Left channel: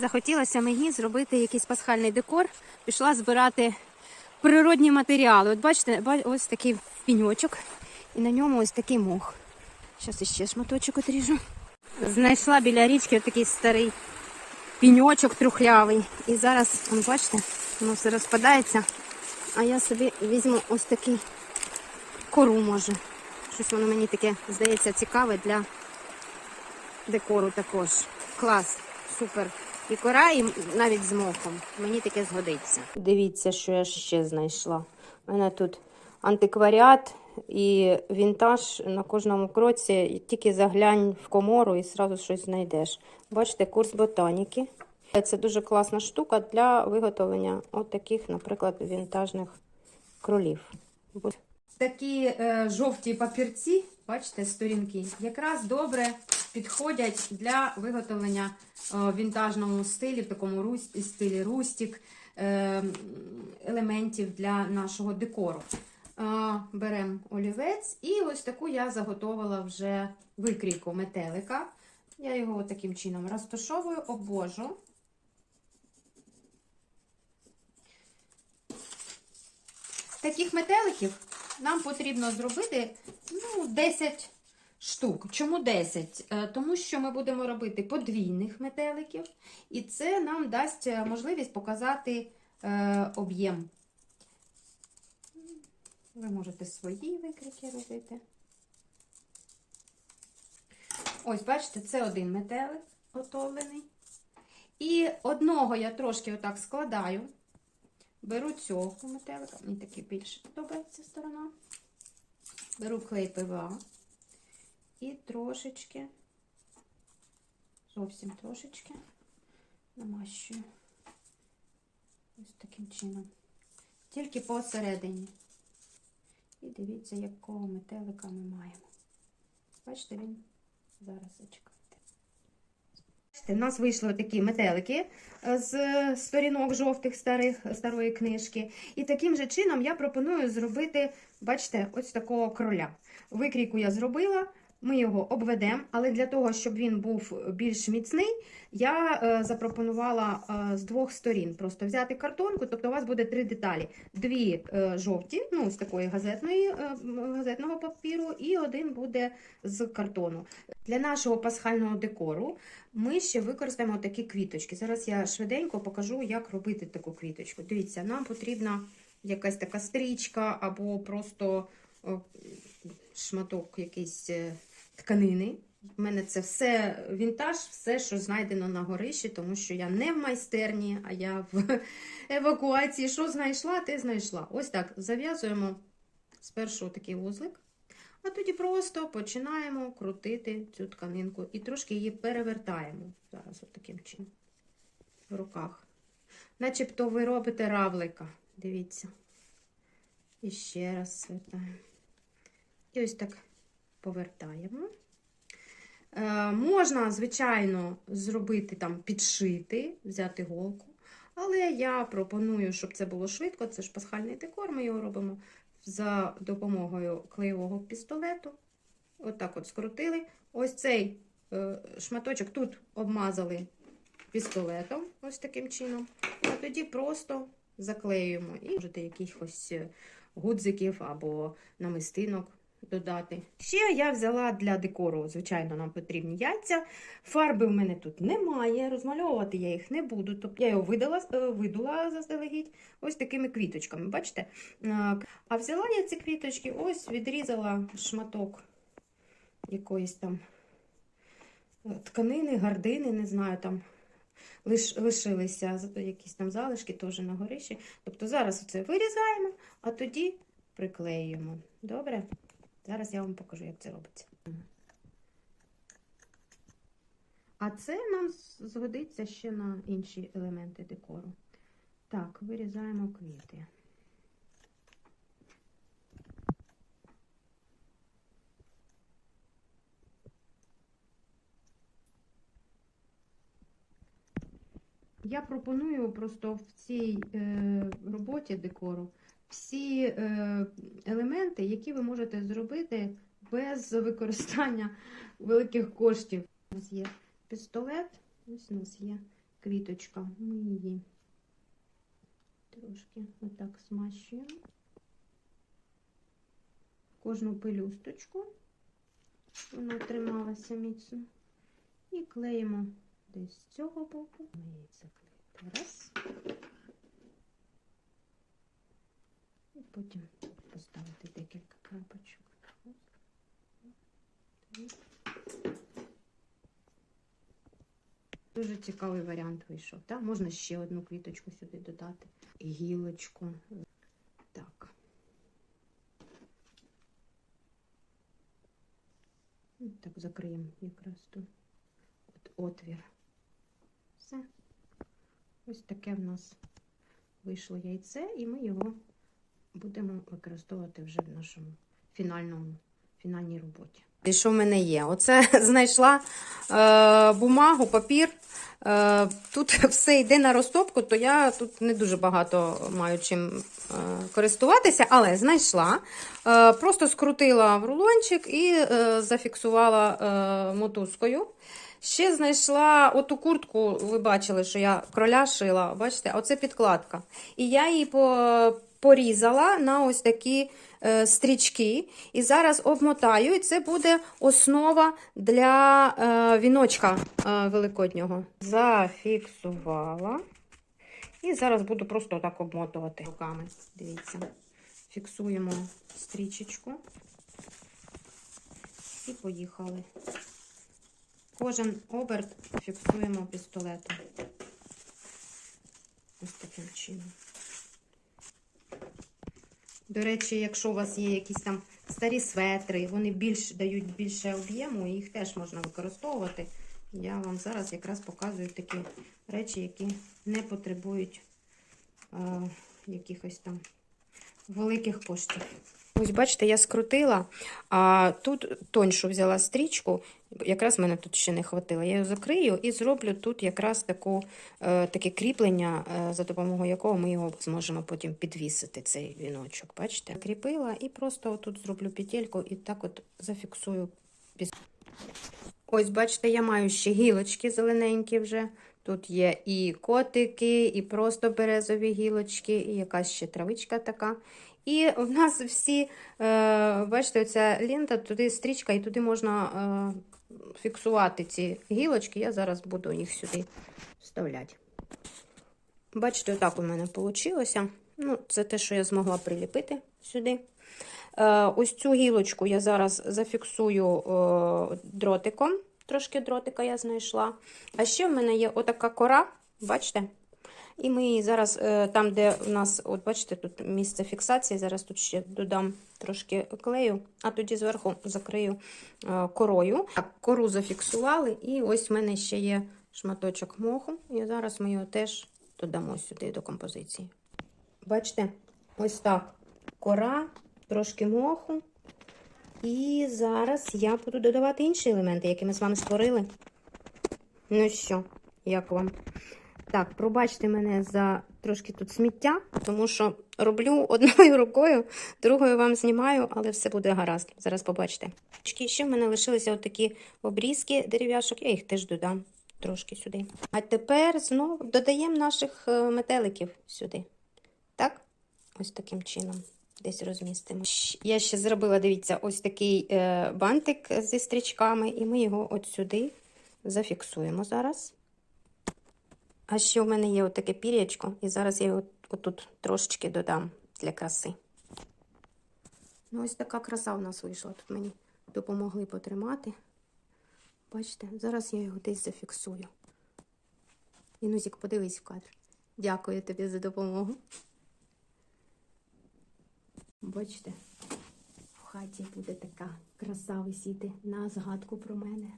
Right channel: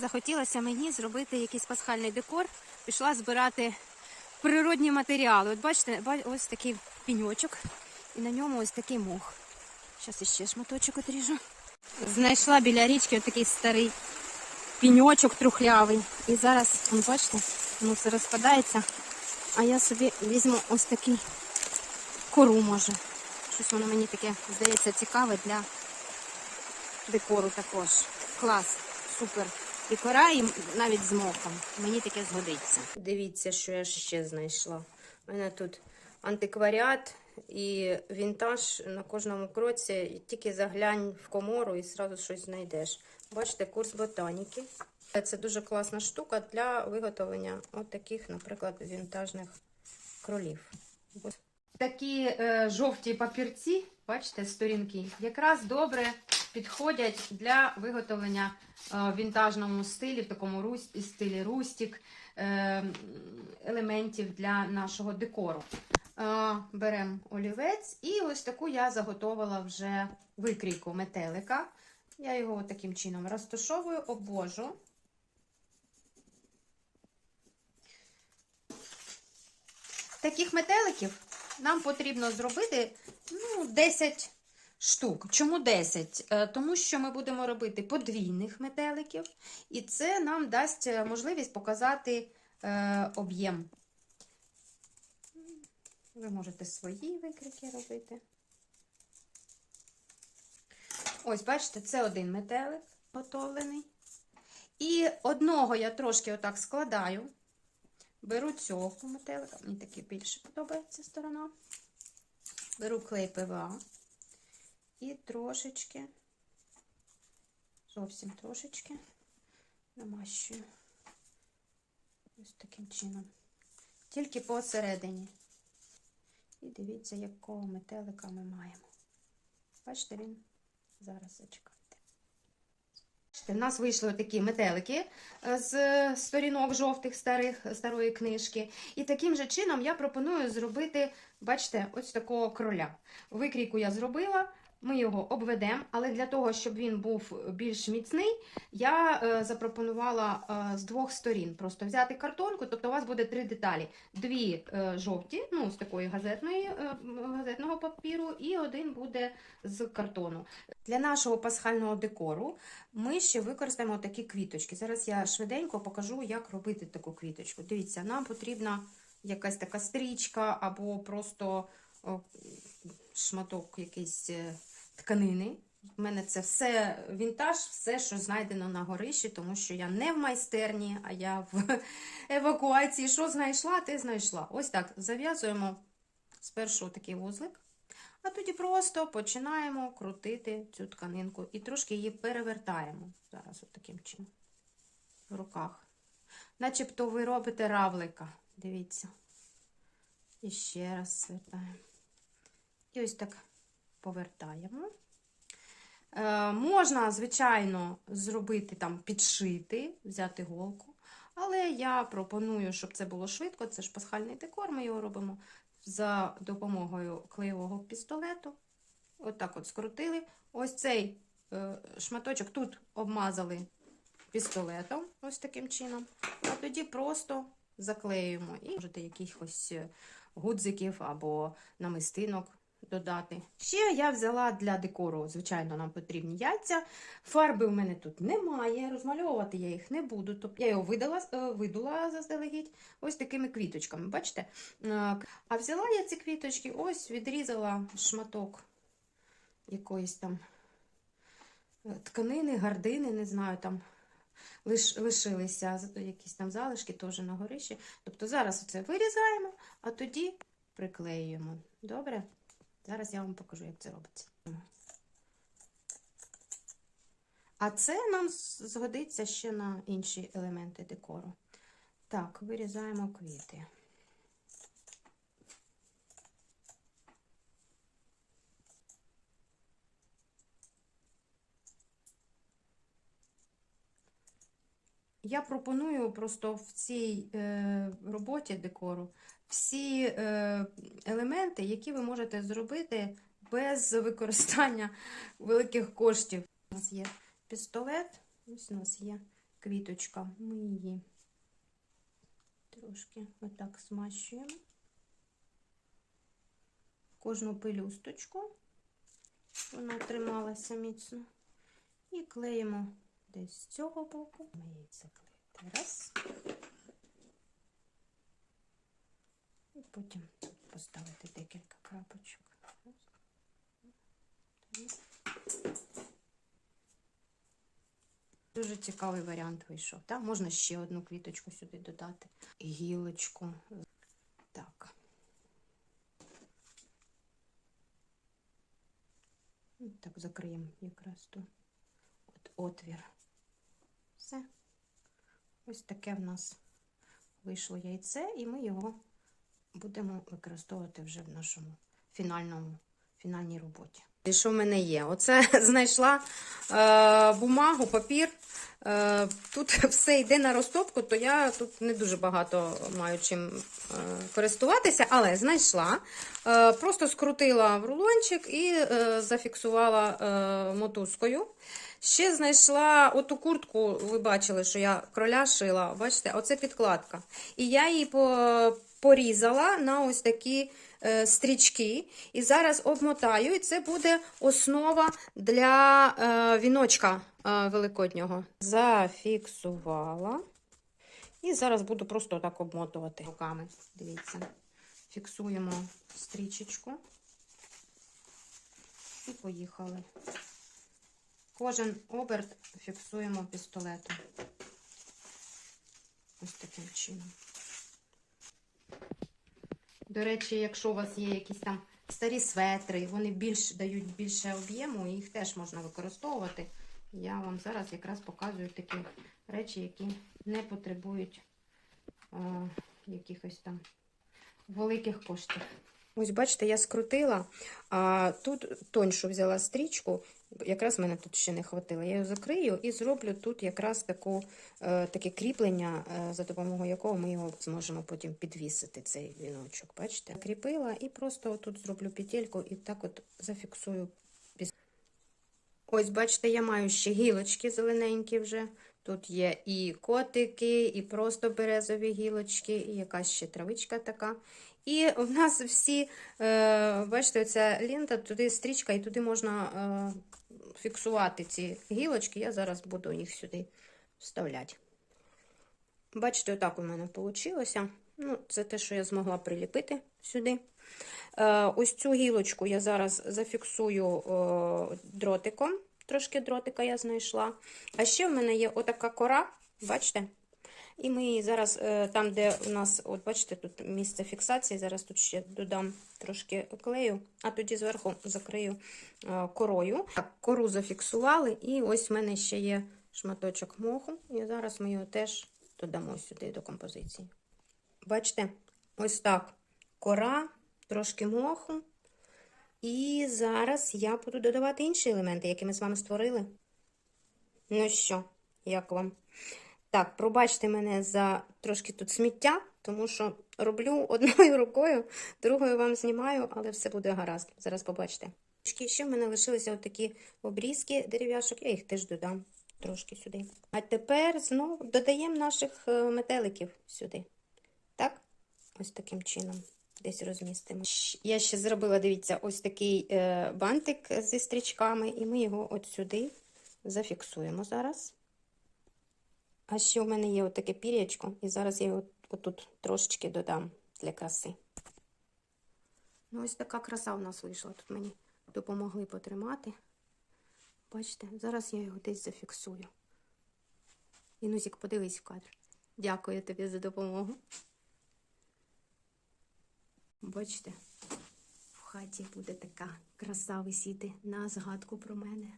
Захотілося мені зробити якийсь пасхальний декор. Пішла збирати природні матеріали. От бачите, ось такий піньочок, і на ньому ось такий мох. Зараз іще шматочок отріжу. Знайшла біля річки такий старий піньочок трухлявий. І зараз, он, бачите, воно все розпадається. А я собі візьму ось такий кору, може. Щось воно мені таке здається цікаве для декору також. Клас, супер. І кора, і навіть з мохом. Мені таке згодиться. Дивіться, що я ще знайшла. У мене тут антикваріат і вінтаж на кожному кроці. Тільки заглянь в комору і одразу щось знайдеш. Бачите, курс ботаніки. Це дуже класна штука для виготовлення от таких, наприклад, вінтажних кролів. Такі е, жовті папірці, бачите, сторінки, якраз добре підходять для виготовлення е, в вінтажному стилі, в такому рус- стилі рустік, е, елементів для нашого декору. Беремо олівець і ось таку я заготовила вже викрійку метелика. Я його таким чином розташовую, обвожу. Таких метеликів нам потрібно зробити ну, 10 штук. Чому 10? Е, Тому що ми будемо робити подвійних метеликів, і це нам дасть е, можливість показати е, об'єм. Ви можете свої викрики робити. Ось, бачите, це один метелик готовлений. І одного я трошки отак складаю. Беру цього метелика, мені такий більше подобається сторона. Беру клей ПВА і трошечки, зовсім трошечки намащую. Ось таким чином. Тільки посередині. І дивіться, якого метелика ми маємо. Бачите, він зараз зачекайте. Бачите, в нас вийшли такі метелики е, з сторінок жовтих старих, старої книжки. І таким же чином я пропоную зробити, бачите, ось такого кроля. Викрійку я зробила, ми його обведемо, але для того, щоб він був більш міцний, я е, запропонувала е, з двох сторін просто взяти картонку, тобто у вас буде три деталі: дві е, жовті, ну з такої газетної, е, газетного папіру, і один буде з картону. Для нашого пасхального декору ми ще використаємо такі квіточки. Зараз я швиденько покажу, як робити таку квіточку. Дивіться, нам потрібна якась така стрічка або просто шматок якийсь е, тканини. У мене це все вінтаж, все, що знайдено на горищі, тому що я не в майстерні, а я в евакуації. Що знайшла, те знайшла. Ось так зав'язуємо спершу такий вузлик. А тоді просто починаємо крутити цю тканинку і трошки її перевертаємо. Зараз таким чином. В руках. Начебто ви робите равлика. Дивіться. І ще раз свертаємо. І ось так повертаємо. Е, можна, звичайно, зробити там підшити, взяти голку. Але я пропоную, щоб це було швидко. Це ж пасхальний декор, ми його робимо за допомогою клеєвого пістолету. Отак от скрутили. Ось цей е, шматочок тут обмазали пістолетом, ось таким чином. І тоді просто заклеюємо. І можете якихось е, гудзиків або намистинок додати. Ще я взяла для декору, звичайно, нам потрібні яйця. Фарби в мене тут немає, розмальовувати я їх не буду. Тобто я його видала, е, видула заздалегідь ось такими квіточками. Бачите? Е, А взяла я ці квіточки, ось відрізала шматок якоїсь там е, тканини, гардини, не знаю, там лиш, лишилися якісь там залишки теж на горищі. Тобто зараз це вирізаємо, а тоді приклеюємо. Добре? Зараз я вам покажу, як це робиться. А це нам згодиться ще на інші елементи декору. Так, вирізаємо квіти. Я пропоную просто в цій е, роботі декору всі е, елементи, які ви можете зробити без використання великих коштів. У нас є пістолет, ось у нас є квіточка. Ми її трошки отак змащуємо. Кожну пелюсточку, вона трималася міцно. І клеїмо десь з цього боку. Яйця клеїти. Раз. Потім поставити декілька крапочок. Дуже цікавий варіант вийшов. Так? Можна ще одну квіточку сюди додати. Гілочку. Так. Ну, Так, закриємо якраз тут от отвір. Все. Ось таке в нас вийшло яйце, і ми його будемо використовувати вже в нашому фінальному, фінальній роботі. І що в мене є? Оце знайшла е, бумагу, папір. Е, тут все йде на розтопку, то я тут не дуже багато маю чим е, користуватися, але знайшла. Е, просто скрутила в рулончик і е, зафіксувала е, мотузкою. Ще знайшла оту куртку, ви бачили, що я кроля шила. Бачите, оце підкладка. І я її по- порізала на ось такі е, стрічки. І зараз обмотаю, і це буде основа для е, віночка е, великоднього. Зафіксувала. І зараз буду просто так обмотувати руками. Дивіться, фіксуємо стрічечку. І поїхали. Кожен оберт фіксуємо пістолетом. Ось таким чином. До речі, якщо у вас є якісь там старі светри, вони більш дають більше об'єму, їх теж можна використовувати. Я вам зараз якраз показую такі речі, які не потребують е, якихось там великих коштів. Ось, бачите, я скрутила, а тут тоньшу взяла стрічку, якраз мене тут ще не хватило. Я її закрию і зроблю тут якраз таку, е, таке кріплення, е, за допомогою якого ми його зможемо потім підвісити, цей віночок. Бачите? Кріпила і просто тут зроблю петельку і так от зафіксую. Ось, бачите, я маю ще гілочки зелененькі вже. Тут є і котики, і просто березові гілочки, і якась ще травичка така. І в нас всі, е, бачите, оця лента, туди стрічка, і туди можна фіксувати ці гілочки. Я зараз буду їх сюди вставляти. Бачите, отак у мене вийшло. Ну, це те, що я змогла приліпити сюди. Е, ось цю гілочку я зараз зафіксую е, дротиком. Трошки дротика я знайшла. А ще в мене є отака кора, бачите? І ми зараз, е, там, де у нас, от бачите, тут місце фіксації, зараз тут ще додам трошки клею, а тоді зверху закрию е, корою. Так, кору зафіксували, і ось в мене ще є шматочок моху, і зараз ми його теж додамо сюди до композиції. Бачите, ось так кора, трошки моху. І зараз я буду додавати інші елементи, які ми з вами створили. Ну що, як вам? Так, пробачте мене за трошки тут сміття, тому що роблю одною рукою, другою вам знімаю, але все буде гаразд. Зараз побачите. Ще в мене лишилися отакі обрізки дерев'яшок, я їх теж додам трошки сюди. А тепер знову додаємо наших е, метеликів сюди. Так? Ось таким чином. Десь розмістимо. Я ще зробила, дивіться, ось такий е, бантик зі стрічками, і ми його от сюди зафіксуємо зараз. А ще в мене є отаке пір'ячко, і зараз я його отут трошечки додам для краси. Ну, ось така краса у нас вийшла. Тут мені допомогли потримати. Бачите, зараз я його десь зафіксую. Інузік, подивись в кадр. Дякую тобі за допомогу. Бачите, в хаті буде така краса висіти на згадку про мене.